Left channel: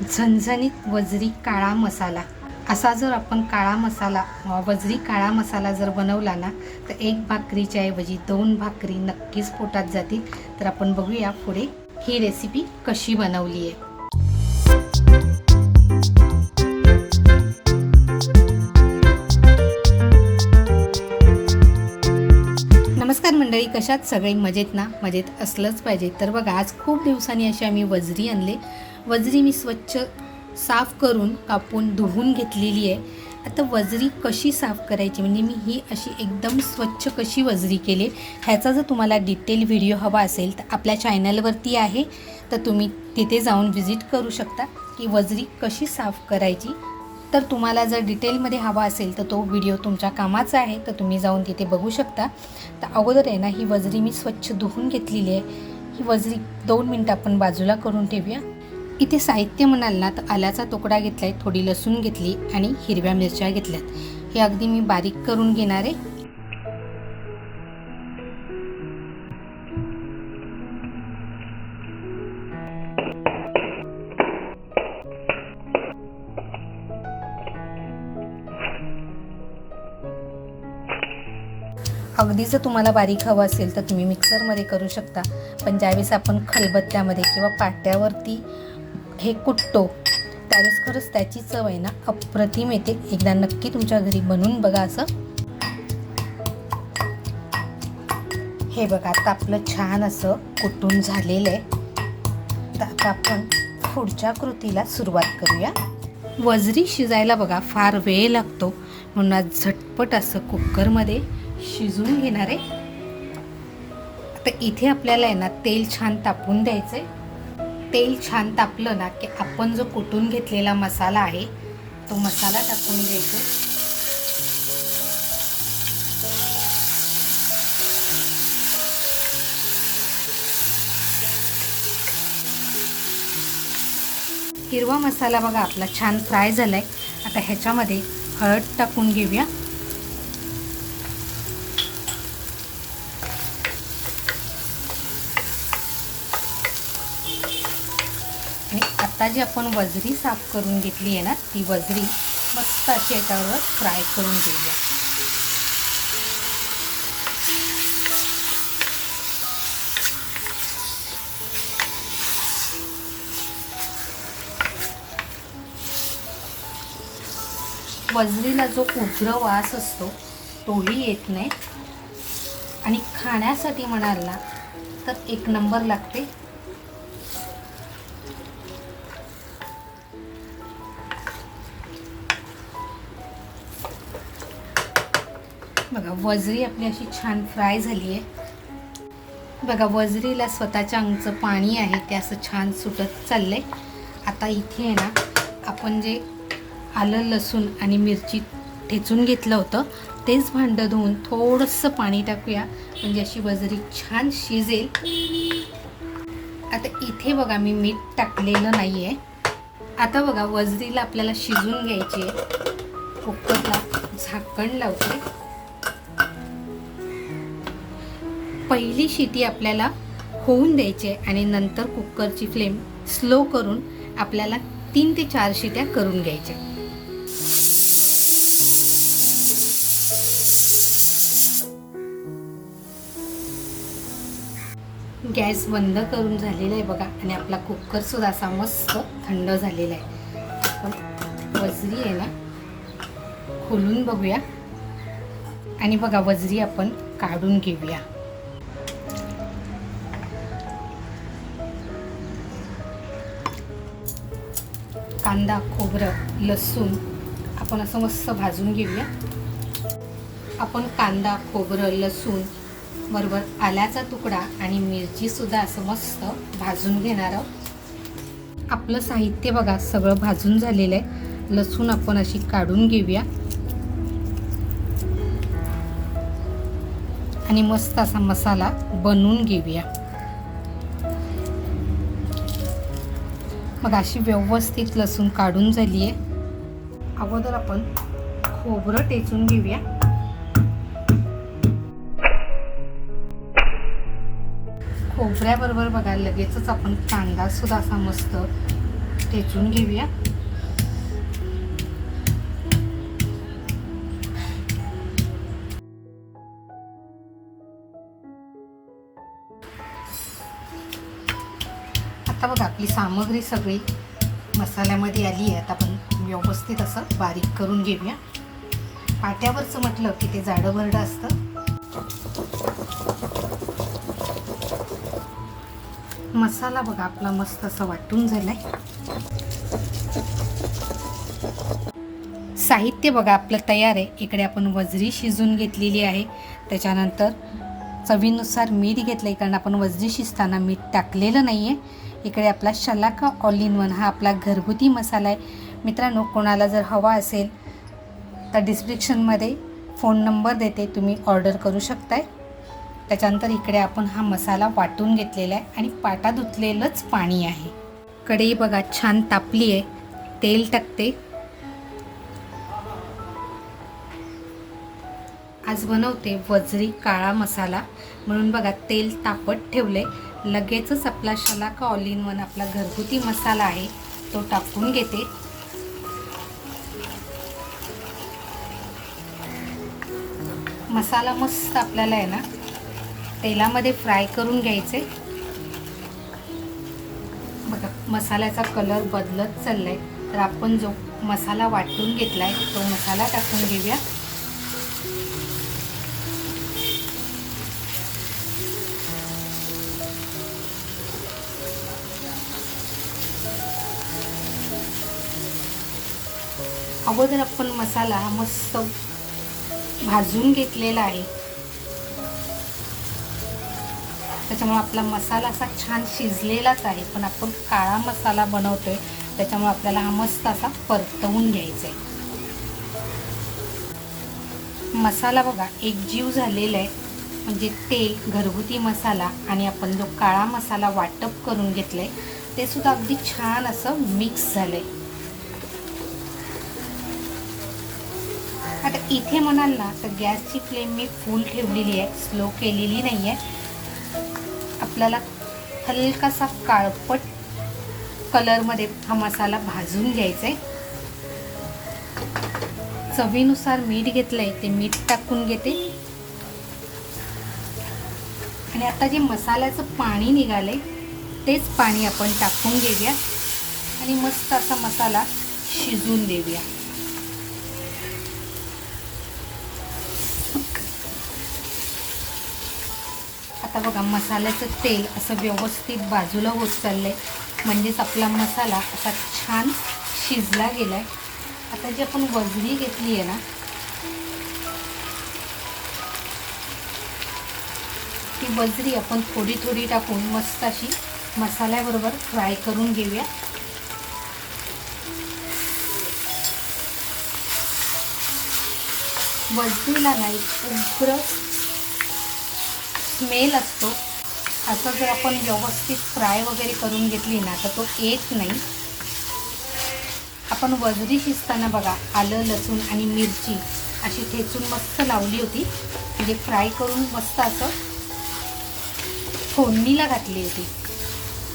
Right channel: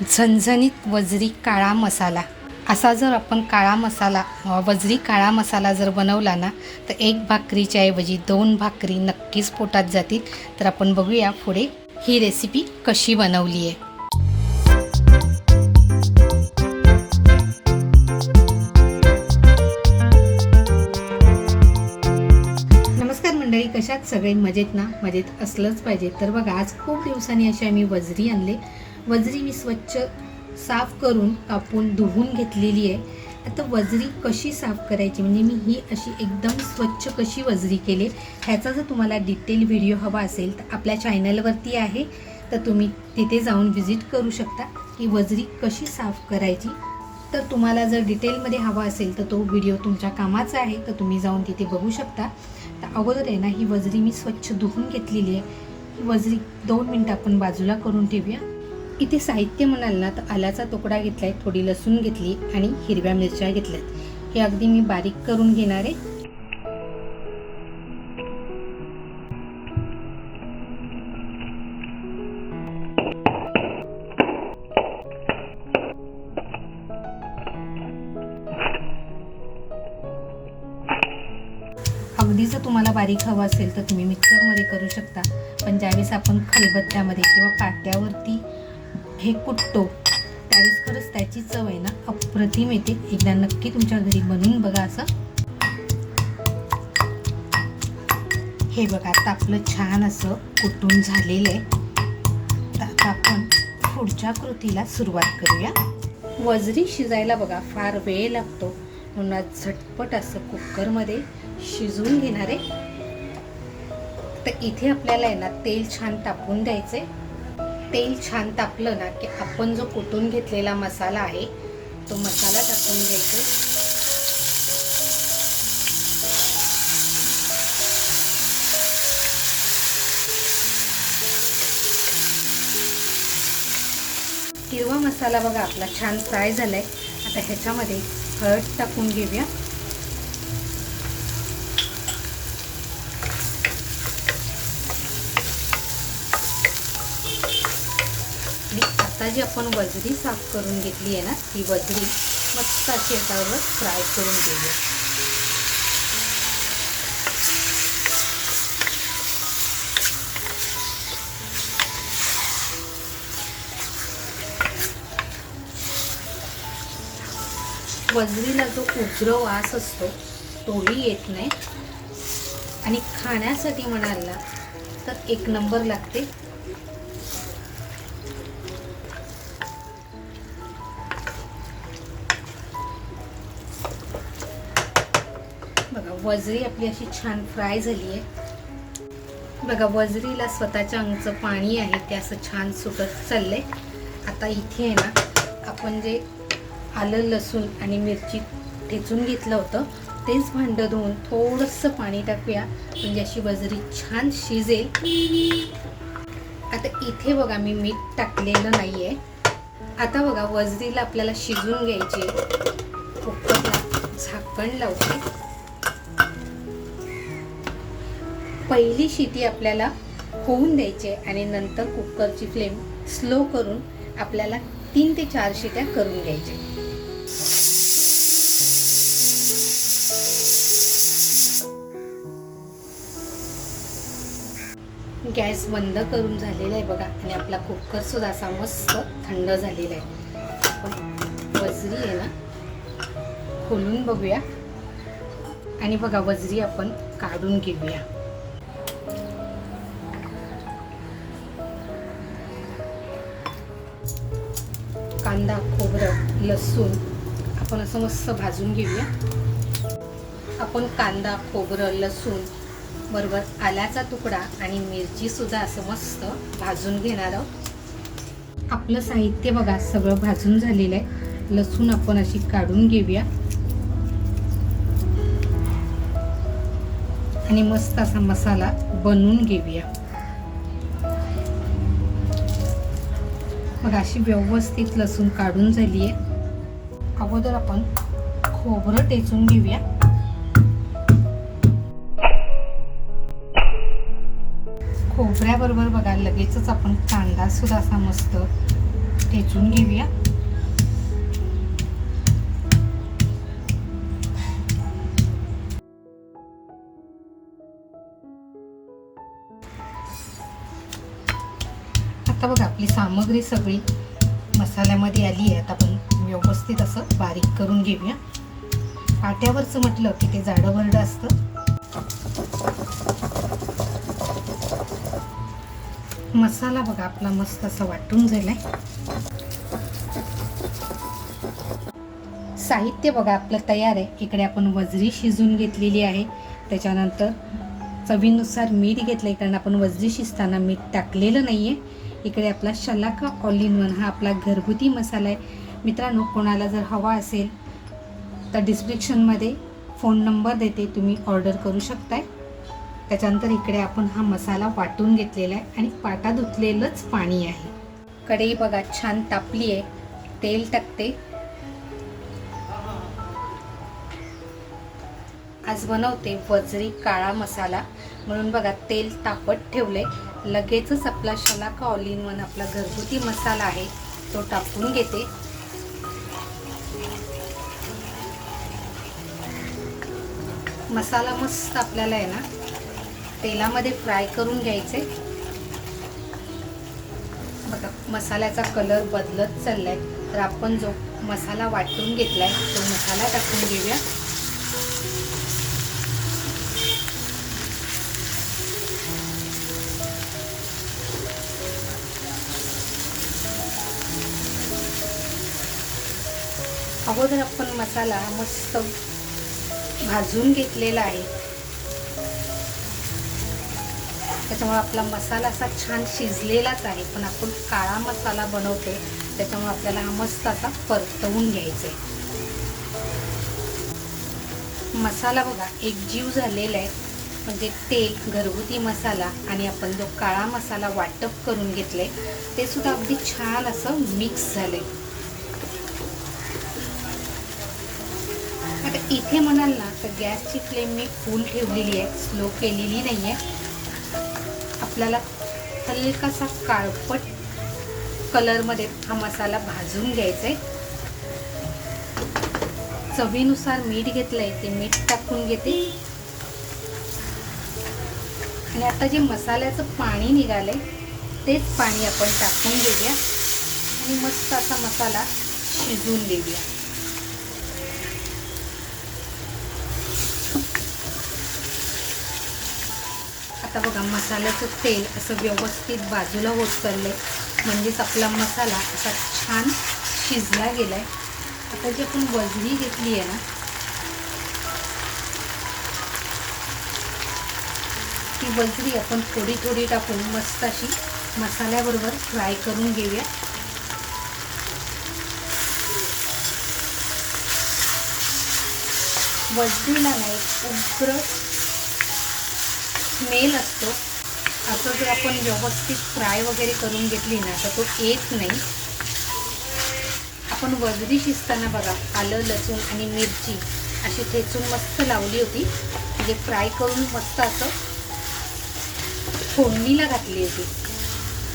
झणझणीत वजरी काळा मसाला. असा जर आपण काळा मसाला वजरी काळा मसाला जर बनवला ना तर एक भाकरीच्या ऐवजी 2 भाकरी नक्कीच पोटात जातील. तर आपण बघूया पुढे ही रेसिपी कशी बनवली आहे. नमस्कार मंडळी, कशात सगळे मजेत ना? मजेत असलंच पाहिजे. तर बघा, आज खूप दिवसांनी अशी आम्ही वजरी आणले. वजरी मी स्वच्छ साफ करून कापून धुवून घेतलेली आहे. आता वजरी कशी साफ करायची म्हणजे मी ही अशी एकदम स्वच्छ कशी वजरी केली ह्याचा जर तुम्हाला डिटेल व्हिडिओ हवा असेल तर आपल्या चॅनलवरती आहे, तर तुम्ही तिथे जाऊन व्हिजिट करू शकता की वजरी कशी साफ करायची. तर तुम्हाला जर डिटेलमध्ये हवा असेल तर तो व्हिडिओ तुमच्या कामाचा आहे, तर तुम्ही जाऊन तिथे बघू शकता. तर अगोदर आहे ना ही वजरी मी स्वच्छ धुवून घेतलेली आहे. ही वजरी 2 मिनटं आपण बाजूला करून ठेवूया. इथे साहित्य म्हणाल ना तर आल्याचा तुकडा घेतला आहे, थोडी लसूण घेतली आणि हिरव्या मिरच्या घेतल्यात. हे अगदी मी बारीक करून घेणार आहे. अगदी जर तुम्हाला बारीक हवं असेल तर तुम्ही मिक्सरमध्ये करू शकता, पण ज्यावेळेस आपण खलबत्त्यामध्ये किंवा पाट्यावरती हे कुटतो त्यावेळेस खरंच त्याची चव आहे ना अप्रतिम येते. एकदा नक्की तुमच्या घरी बनवून बघा असं. हे बघा, आता आपलं छान असं कुटून झालेलं आहे. तर आता आपण पुढच्या कृतीला सुरुवात करूया. वजरी शिजायला बघा फार वेळ लागतो, म्हणून आज झटपट असं कुकरमध्ये शिजवून घेणार आहे. तर इथे आपल्याला आहे ना तेल छान तापून द्यायचं आहे. तेल छान तापलं ना की आपण जो कुटून घेतलेला मसाला आहे तो मसाला टाकून द्यायचा. हिरवा मसाला बघा आपला छान फ्राय झालाय. आता ह्याच्यामध्ये हळद टाकून घेऊया. आणि आता जी आपण वजरी साफ करून घेतली आहे ना ती वजरी मस्त अशी याच्यावर फ्राय करून घेऊया. वजरीला जो उग्र वास असतो तोही येत नाही आणि खाण्यासाठी म्हणाल ना तर एक नंबर लागते. बघा, वजरी आपली अशी छान फ्राय झाली आहे. बघा, वजरीला स्वतःच्या अंगचं पाणी आहे ते असं छान सुटत चाललंय. आता इथे आहे ना आपण जे आलं लसूण आणि मिरची ठेचून घेतलं होतं तेच भांडं धुवून थोडंसं पाणी टाकूया, म्हणजे अशी वजरी छान शिजेल. आता इथे बघा मी मीठ टाकलेलं नाही आहे. आता बघा वजरीला आपल्याला शिजून घ्यायची. कुकरला झाकण लावते. पहिली शिटी आपल्याला होऊन द्यायची आहे आणि नंतर कुकरची फ्लेम स्लो करून आपल्याला 3 ते 4 शिट्या करून घ्यायच्या. गॅस बंद करून झालेला आहे बघा आणि आपला कुकर सुद्धा असा मस्त थंड झालेला आहे. वजरी आहे ना खोलून बघूया आणि बघा वजरी आपण काढून घेऊया. कांदा खोबरं लसूण आपण असं मस्त भाजून घेऊया. आपण कांदा खोबरं लसूण बरोबर आल्याचा तुकडा आणि मिरची सुद्धा असं मस्त भाजून घेणार आहोत. आपलं साहित्य बघा सगळं भाजून झालेलं आहे. लसूण आपण अशी काढून घेऊया आणि मस्त असा मसाला बनवून घेऊया. मग अशी व्यवस्थित लसूण काढून झाली आहे. अगोदर आपण खोबरं टेचून घेऊया. खोबऱ्याबरोबर बघा लगेचच आपण कांदा सुद्धा असा मस्त ठेचून घेऊया. आता बघा आपली सामग्री सगळी मसाल्यामध्ये आली आहे. आता आपण व्यवस्थित असं बारीक करून घेऊया. पाट्यावरचं म्हटलं की ते जाडं भरडं असतं. मसाला बघा आपला मस्त असा वाटून झालाय. साहित्य बघा आपलं तयार आहे. इकडे आपण वजरी शिजून घेतलेली आहे. त्याच्यानंतर चवीनुसार मीठ घेतलंय, कारण आपण वजरी शिजताना मीठ टाकलेलं नाहीये. इकडे आपला शलाका ऑल इन वन हा आपला घरगुती मसाला आहे. मित्रांनो, कोणाला जर हवा असेल तर डिस्क्रिप्शनमध्ये फोन नंबर देते, तुम्ही ऑर्डर करू शकताय. त्याच्यानंतर इकडे आपण हा मसाला वाटून घेतलेला आहे आणि पाटा धुतलेलंच पाणी आहे. कढई बघा छान तापली आहे. तेल टाकते. आज बनवते वजरी काळा मसाला, म्हणून बघा तेल तापत ठेवले. लगेचच आपला शलाका ऑल इन वन आपला घरगुती मसाला आहे तो टाकून घेते. मसाला मस्त आपल्याला आहे ना तेलामध्ये फ्राय करून घ्यायचे. बघा मसाल्याचा कलर बदलत चाललाय. तर आपण जो मसाला वाटून घेतलाय तो मसाला टाकून घेऊया. अगोदर आपण मसाला मस्त भाजून घेतलेला आहे, त्याच्यामुळे आपला मसाला असा छान शिजलेलाच आहे. पण आपण काळा मसाला बनवतोय त्याच्यामुळे आपल्याला हा मस्त असा परतवून घ्यायचा आहे. मसाला बघा एकजीव झालेला आहे, म्हणजे तेल, घरगुती मसाला आणि आपण जो काळा मसाला वाटप करून घेतले ते सुद्धा अगदी छान असं मिक्स झालंय. आता इथे म्हणाल ना तर गॅसची फ्लेम मी फुल ठेवलेली आहे, स्लो केलेली नाही आहे. आपल्याला हलकासा काळपट कलरमध्ये हा मसाला भाजून घ्यायचा आहे. चवीनुसार मीठ घेतलंय, ते मीठ टाकून घेते. आणि आता जे मसाल्याचं पाणी निघालंय तेच पाणी आपण टाकून घेऊया आणि मस्त असा मसाला शिजवून देऊया. आता बघा मसाल्याचं तेल असं व्यवस्थित बाजूला होत चाललंय, म्हणजेच आपला मसाला असा छान शिजला गेलाय. आता जी आपण वजरी घेतली आहे ना ती वजरी आपण थोडी थोडी टाकून मस्त अशी मसाल्याबरोबर फ्राय करून घेऊया. वजरीला नाही उग्र स्मेल असतो. असं जर आपण व्यवस्थित फ्राय वगैरे करून घेतली ना तर तो येत नाही. आपण वजरी शिजताना बघा आलं, लसूण आणि मिरची अशी ठेचून मस्त लावली होती, म्हणजे फ्राय करून मस्त असं फोडणीला घातली होती.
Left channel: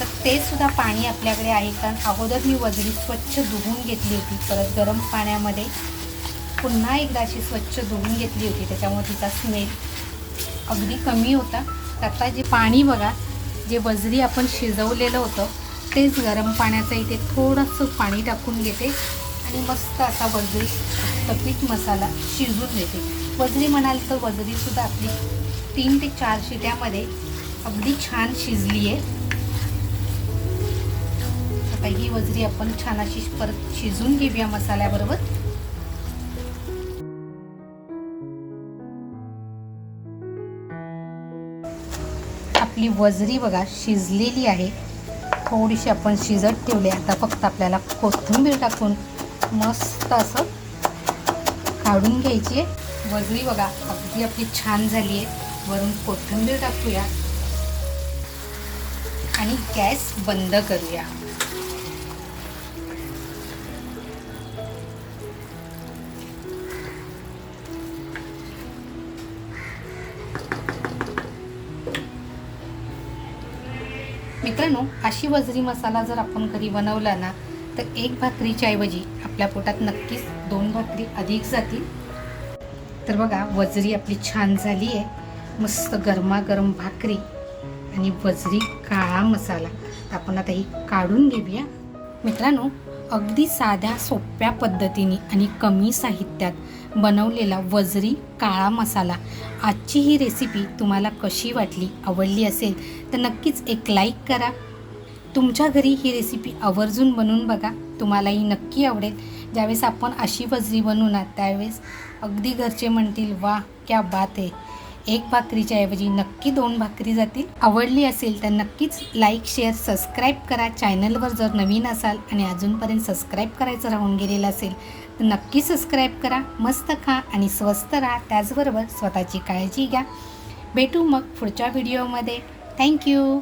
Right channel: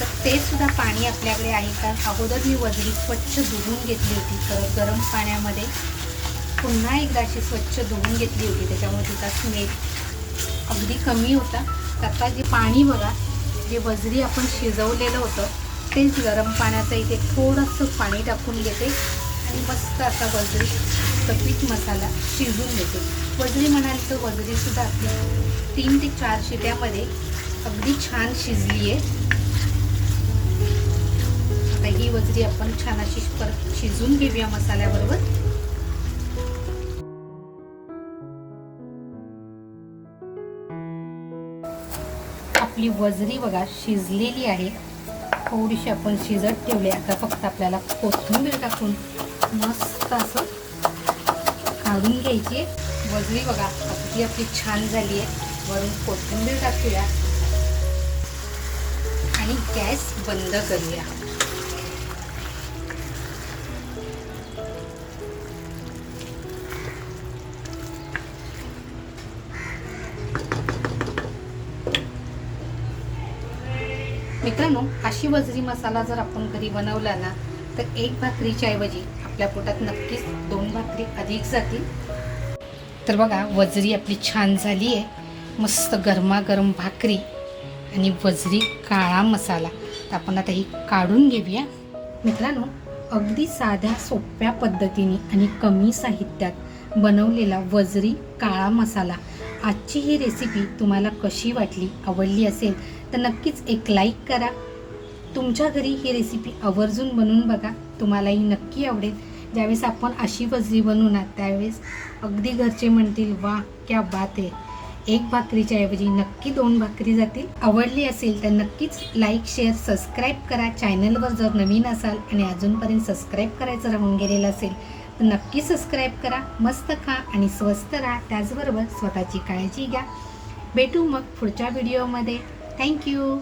तर ते सुद्धा पाणी आपल्याकडे आहे, कारण अगोदर मी वजरी स्वच्छ धुवून घेतली होती. तर गरम पाण्यामध्ये पुन्हा एकदा अशी स्वच्छ धुवून घेतली होती, त्याच्यामुळे तिचा स्मेल अगदी कमी होता. आता जे पाणी बघा, जे वजरी आपण शिजवलेलं होतं तेच गरम पाण्याचं इथे थोडंसं पाणी टाकून घेते आणि मस्त असा वजरी पीठ मसाला शिजवून घेते. वजरी म्हणाल तर वजरीसुद्धा आपली 3 ते 4 शिट्यामध्ये अगदी छान शिजली आहे. आता ही वजरी आपण छान अशी परत शिजवून घेऊया मसाल्याबरोबर. आपली वजरी बघा शिजलेली आहे. थोडीशी आपण शिजत ठेवले. आता फक्त आपल्याला कोथिंबीर टाकून मस्त असं काढून घ्यायची आहे. वजरी बघा अगदी आपली छान झाली आहे. वरून कोथिंबीर टाकूया आणि गॅस बंद करूया. मित्रांनो, अशी वजरी मसाला जर आपण घरी बनवला ना तर एक भाकरीच्या ऐवजी आपल्या पोटात नक्कीच 2 भाकरी अधिक जातील. तर बघा वजरी आपली छान झाली आहे. मस्त गरमागरम भाकरी आणि वजरी काळा मसाला. तर आपण आता ही काढून घेऊया. मित्रांनो, अगदी साध्या सोप्या पद्धतीने आणि कमी साहित्यात बनवलेला वजरी काळा मसाला. आजची ही रेसिपी तुम्हाला कशी वाटली, आवडली असेल तर नक्कीच एक लाईक करा. तुमच्या घरी ही रेसिपी आवर्जून बनवून बघा, तुम्हालाही नक्की आवडेल. ज्यावेळेस आपण अशी वजरी बनवू ना त्यावेळेस अगदी घरचे म्हणतील वा क्या बात आहे. एक भाकरीच्या ऐवजी नक्की 2 भाकरी जातील. आवडली असेल तर नक्कीच लाईक, शेअर, सबस्क्राईब करा. चॅनलवर जर नवीन असाल आणि अजूनपर्यंत सबस्क्राईब करायचं राहून गेलेलं असेल तर नक्की सबस्क्राईब करा. मस्त खा आणि स्वस्त राहा. त्याचबरोबर स्वतःची काळजी घ्या. भेटू मग पुढच्या व्हिडिओमध्ये. थँक्यू.